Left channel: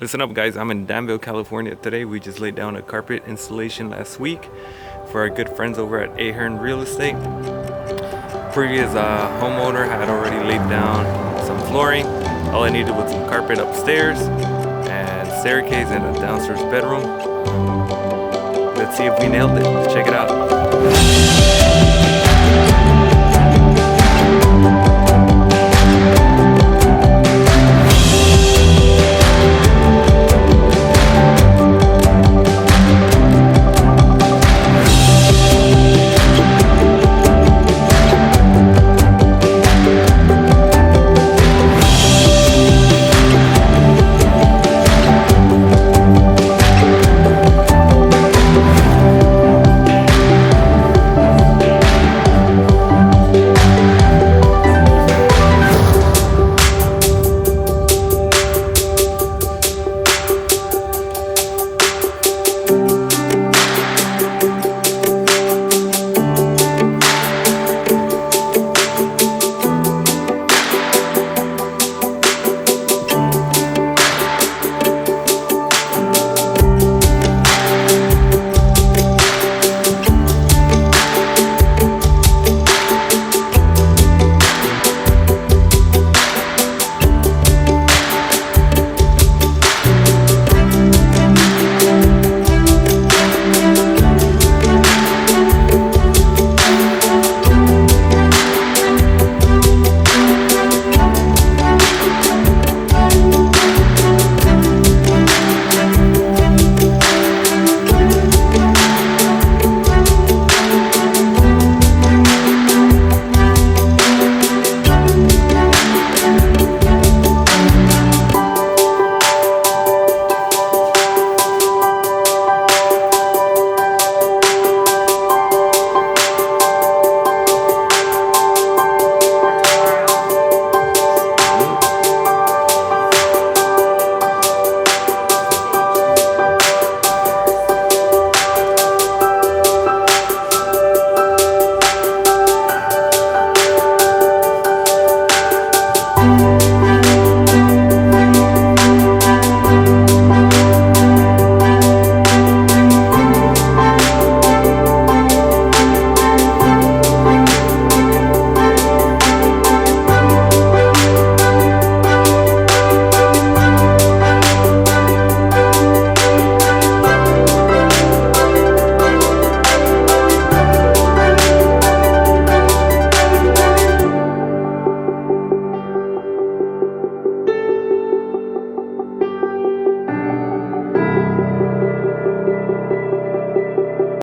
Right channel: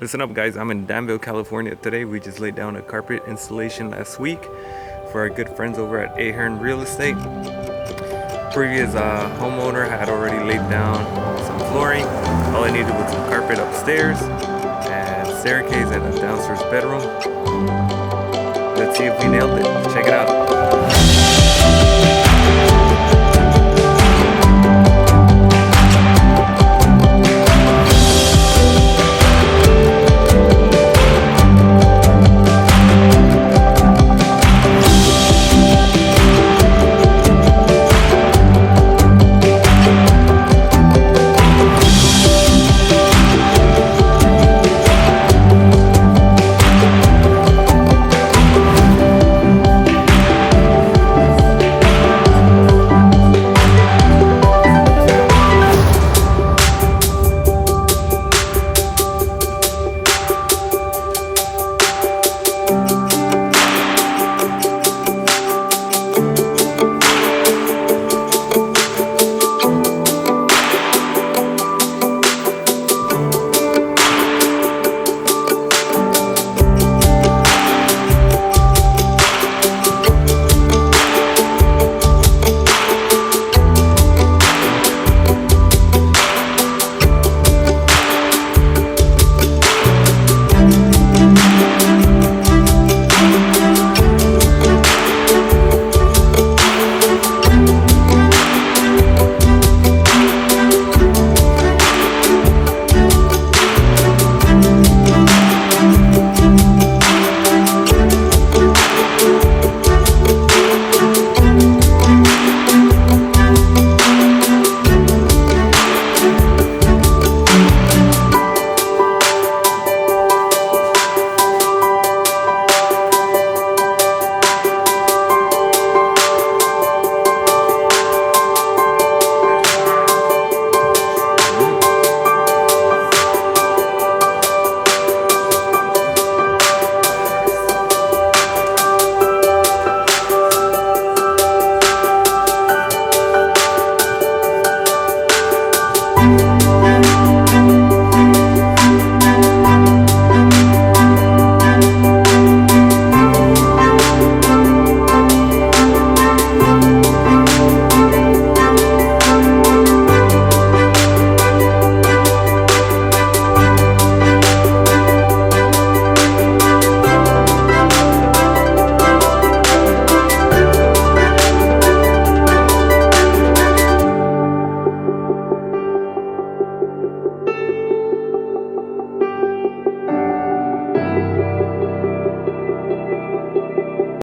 Listen up guys, I'm in Danville, California today. We just laid down a carpet installation last week for our good friends over at Ahern Real Estate. Previous homeowner had already laid down some flooring. All I needed was some carpet upstairs and staircase and a downstairs bedroom. Let's see if we nailed it. Check it out.